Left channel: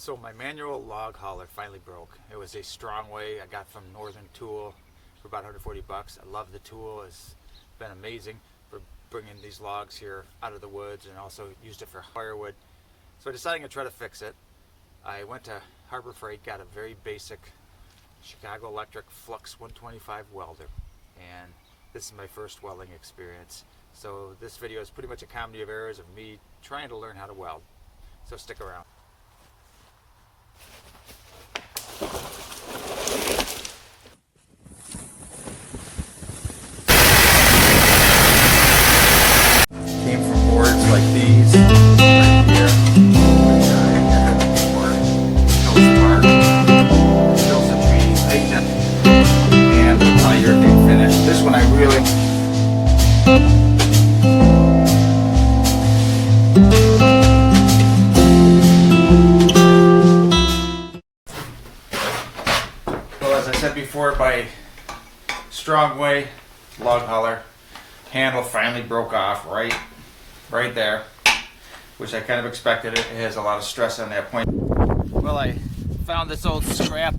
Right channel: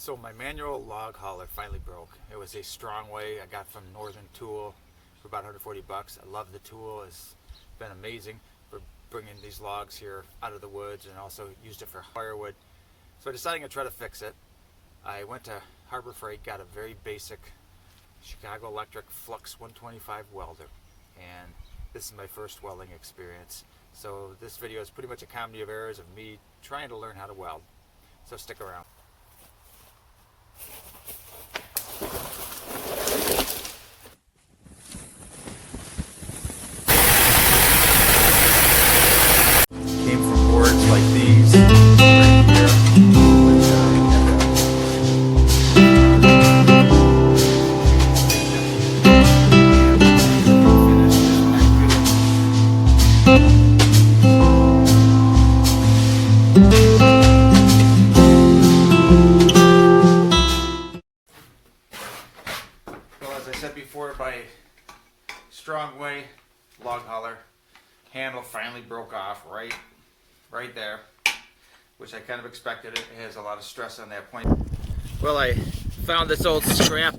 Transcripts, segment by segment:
So my manual log hauler finally broke. It was a Strongway I got from Northern Tool for about 140 bucks. I love the tool. It's been amazing for bringing these logs here out of the woods, and also used it for firewood. So I decided to try to fix it. I went to Harbor Freight, got a very basic Chicago Electric Flux 125 welder, and this is my first welding experience. So this video is pretty much a comedy of errors of me trying to learn how to weld. So stick around. Came from boards like these right here. And when I hear it finished, this one I really as I said before, my Strongway log hauler handle finally broke off right there, which I kind of expected. It has a lot of stress on that point. Well, I found this old scrap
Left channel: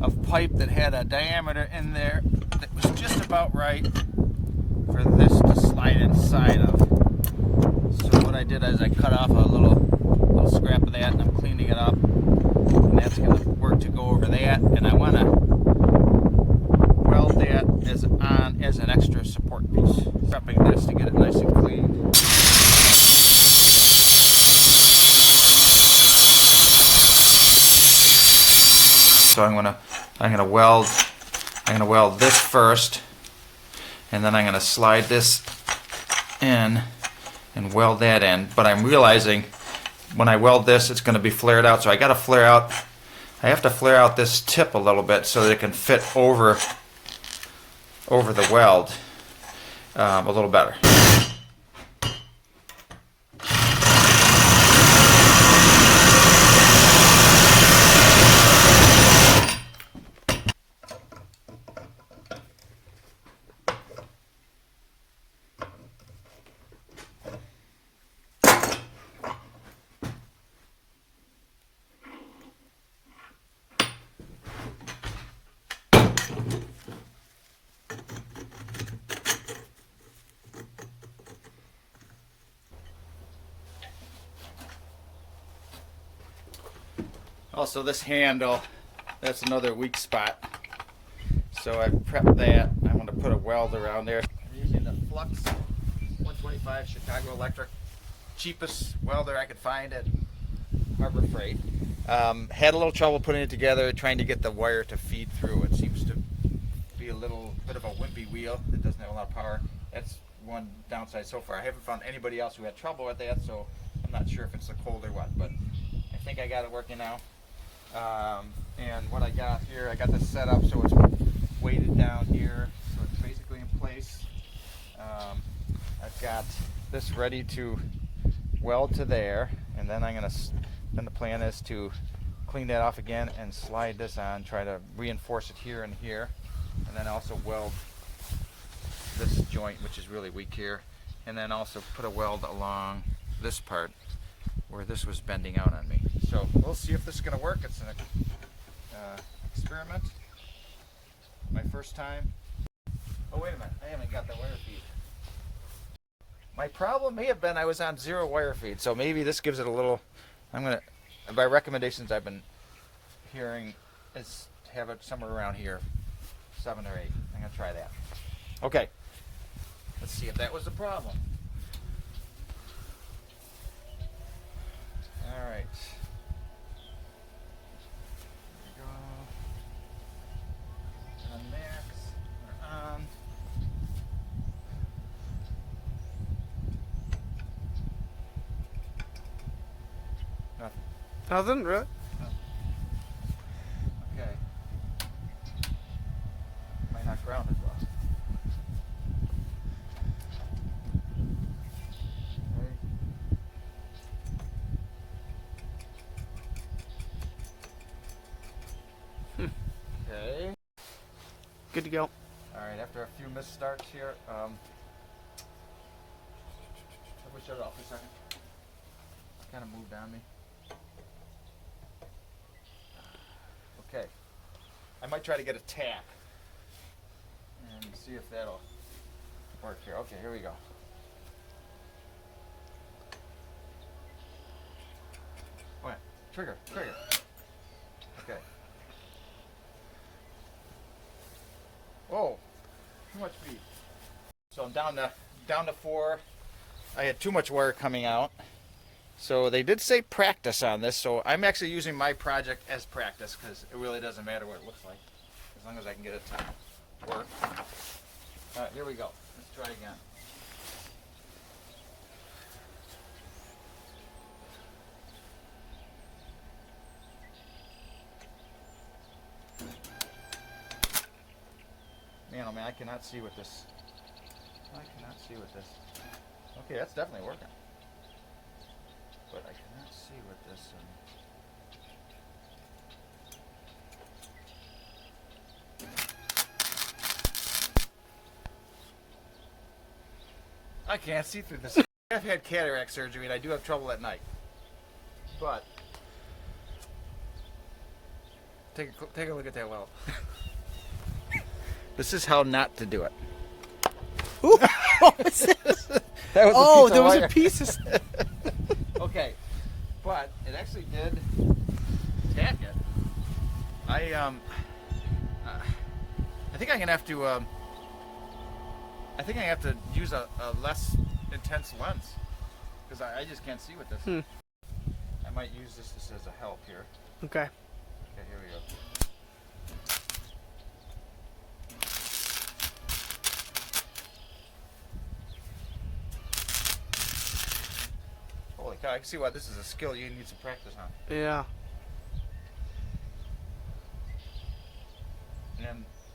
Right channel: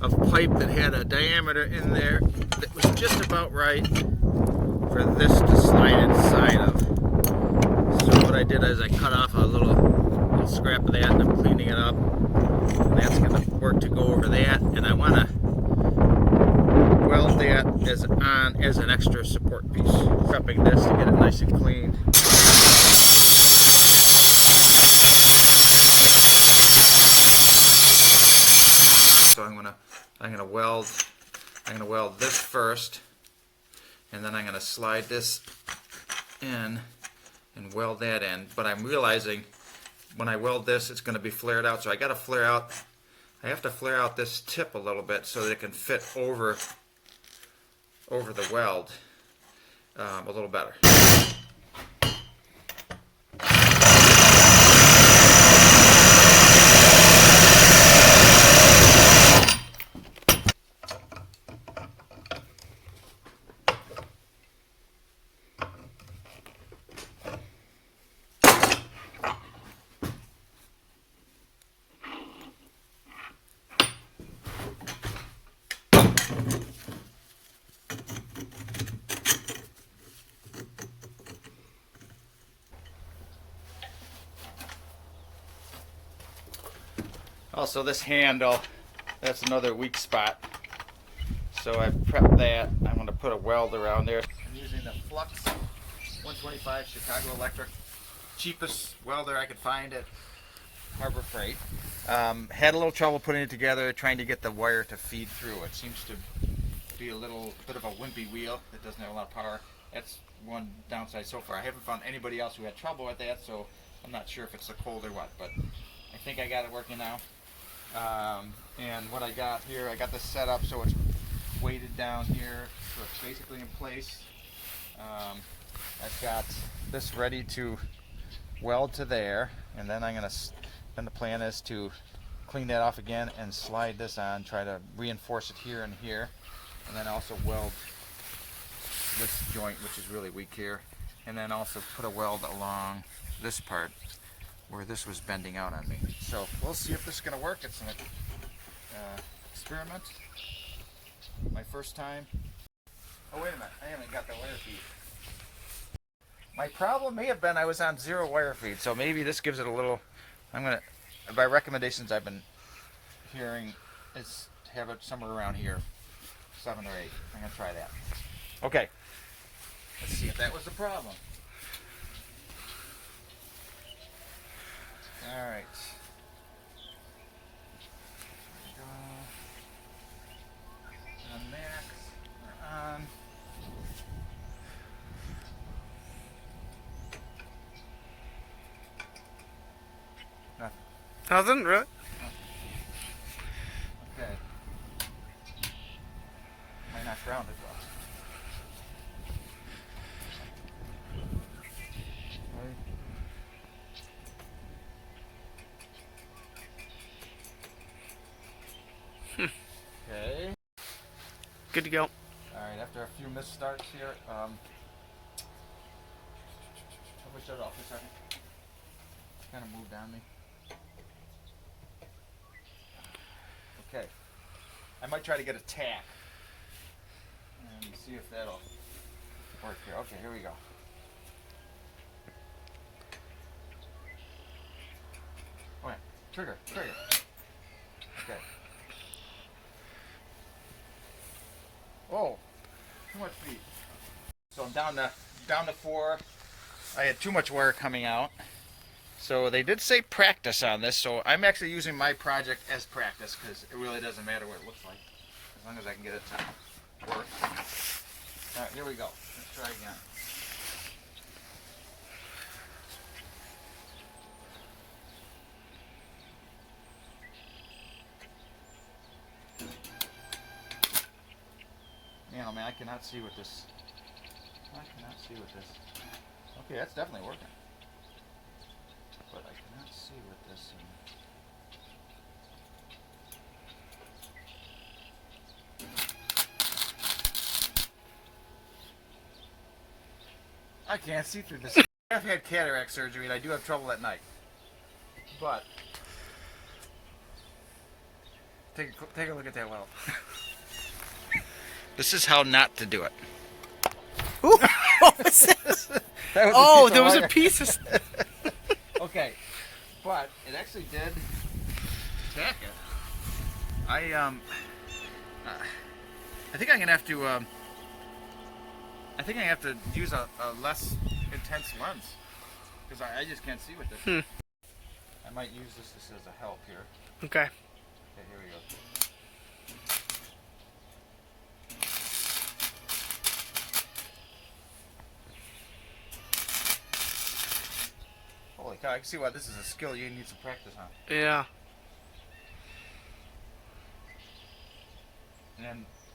of pipe that had a diameter in there that was just about right for this to slide inside of. So what I did is I cut off a little scrap of that, and I'm cleaning it up, and that's going to work to go over that. And I want to weld that as an extra support piece. Prepping this to get it nice and cleaned. So I'm gonna weld this first, and then I'm gonna slide this in and weld that in. But I'm realizing when I weld this, it's gonna be flared out, so I have to flare out this tip a little bit so that it can fit over the weld a little better. Also, this handle, that's another weak spot. So I prepped that. I'm going to put a weld around there. I'm using the Flux 125 Chicago Electric, cheapest welder I could find at Harbor Freight. Had a little trouble putting it together, trying to get the wire to feed through. It seems to be a little bit of a wimpy wheel. It doesn't have a lot of power. That's one downside so far. I haven't found anybody else who had trouble with that, so I'm not sure if it's the cold or what, but I think I got it working now. And what I got here, I got this set up so it's weighted down here, so it's basically in place. I've got this ready to weld to there, and then then the plan is to clean that off again and slide this on, try to reinforce it here and here, and then also weld this joint, which is really weak here, and then also put a weld along this part where this was bending out on me. So we'll see if this is going to work. It's an experiment. My first time. Oh, wait a minute. I haven't got the wire feed. My problem may have been I was on 0 wire feed, so maybe this gives it a little. By recommendations I've been hearing, is have it somewhere around here, 7 or 8. I'm going to try that. Okay. Let's see if that was the problem. All right. On max, we're on. Nothing. Nothing, really? No. Okay. Might not ground it though. Okay. Good to go. Alright, after a few missed starts here, I wish shut it off for a second. Kind of moved on me. I might try to get a tack and see if that'll work here. Okay, here we go. Wait, trigger. Okay. Oh, too much feed. So I'm down to 4. I had too much wire coming out. So they did say practice on this, so I'm actually using my project as practice because it really doesn't matter what it looks like as long as I can get it to work. Alright, here we go. Let's try again. Man, oh man, I cannot see with this. Okay, that's definitely working. But I cannot see with this. I can't see through this. I've had cataract surgery and I do have trouble at night. But take a look at that weld. This is how not to do it. Ooh, what was this? There was a piece of... Okay, but it actually did tack it. I think I'm gonna have to use a less intense lens because I just can't see with this. I might use this as a help here. Okay. Okay, here we go. Holy cow, I can see why this is a skill you need some practice on. Yeah.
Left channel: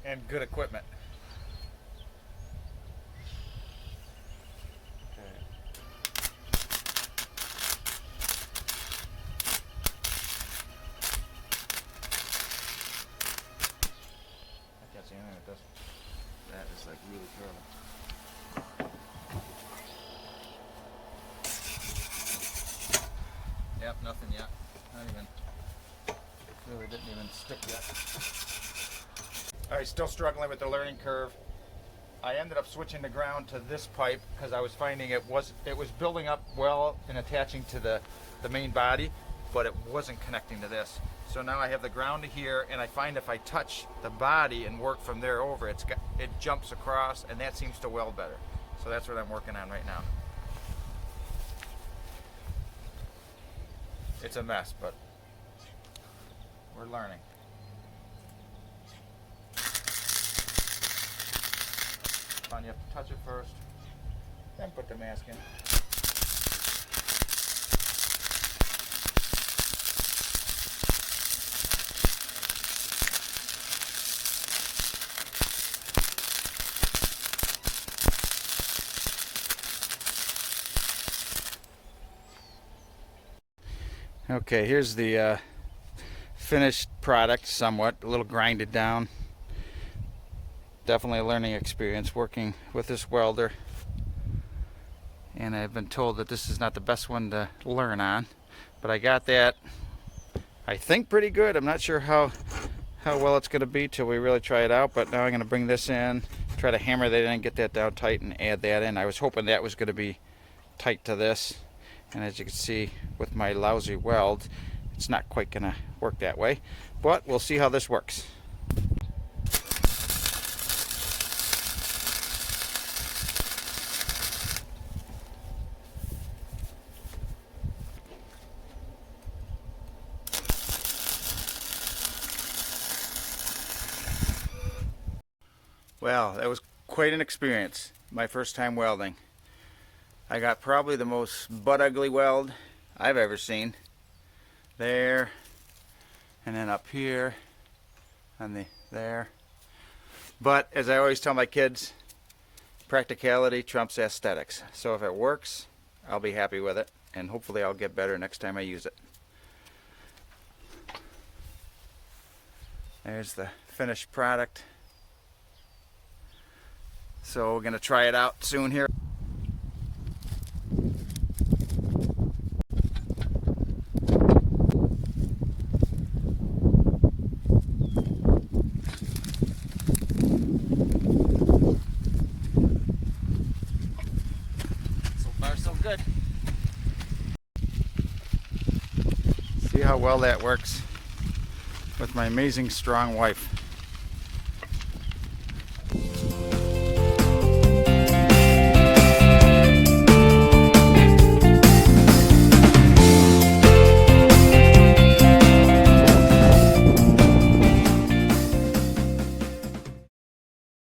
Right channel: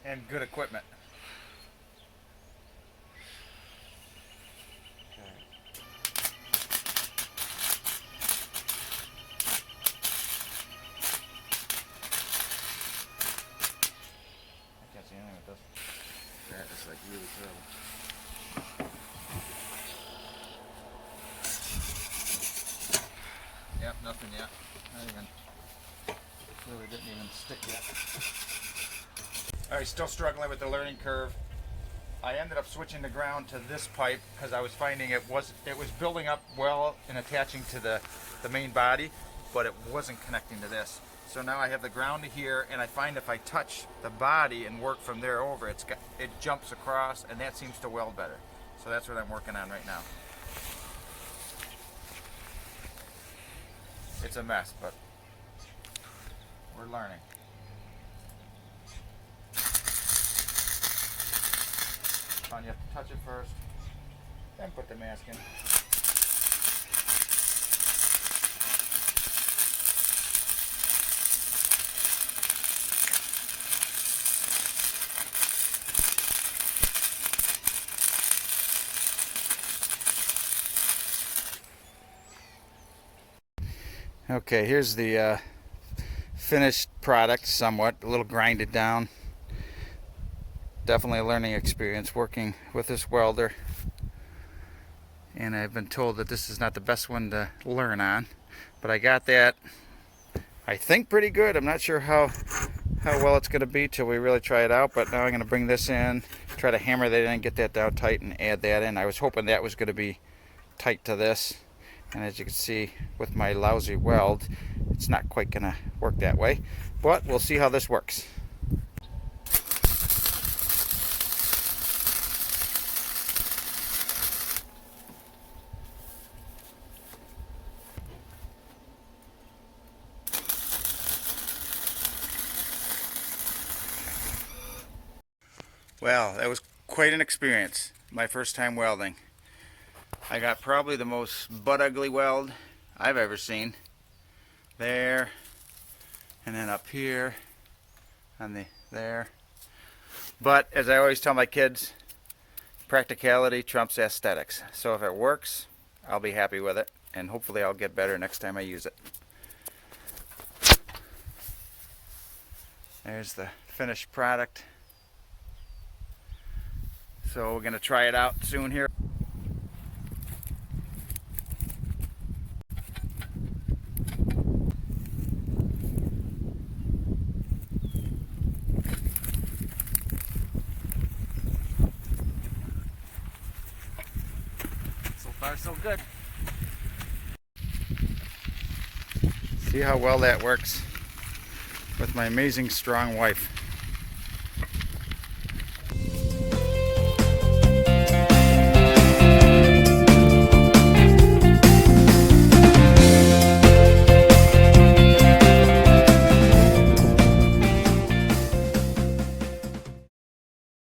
And good equipment. Okay. I can't see anything with this. That is like really curly. Yep, nothing yet. Not even. Really didn't even stick yet. Alright, still struggling with the learning curve. I ended up switching the ground to this pipe because I was finding it was building up well and attaching to the main body, but it wasn't connecting to this. So now I have the ground to here, and I find if I touch the body and work from there over, it jumps across, and that seems to weld better. So that's what I'm working on right now. It's a mess, but we're learning. You have to touch it first, then put the mask in. Okay, here's the finished product, somewhat a little grinded down. Definitely a learning experience working with this welder, and I've been told that this is not the best one to learn on, but I got that I think pretty good. I'm not sure how well it's going to be till we really try it out, but now I'm going to bring this in, try to hammer that in, get that down tight, and add that in. I was hoping that was going to be tight to this, and as you can see with my lousy weld, it's not quite going to work that way, but we'll see how this works. Well, that was quite an experience. My first time welding. I got probably the most butt ugly weld I've ever seen. There, and then up here, and there. But as I always tell my kids, practicality trumps aesthetics. So if it works, I'll be happy with it, and hopefully I'll get better next time I use it. There's the finished product. So we're going to try it out soon here. far so good. See how well that works with my amazing strong wife.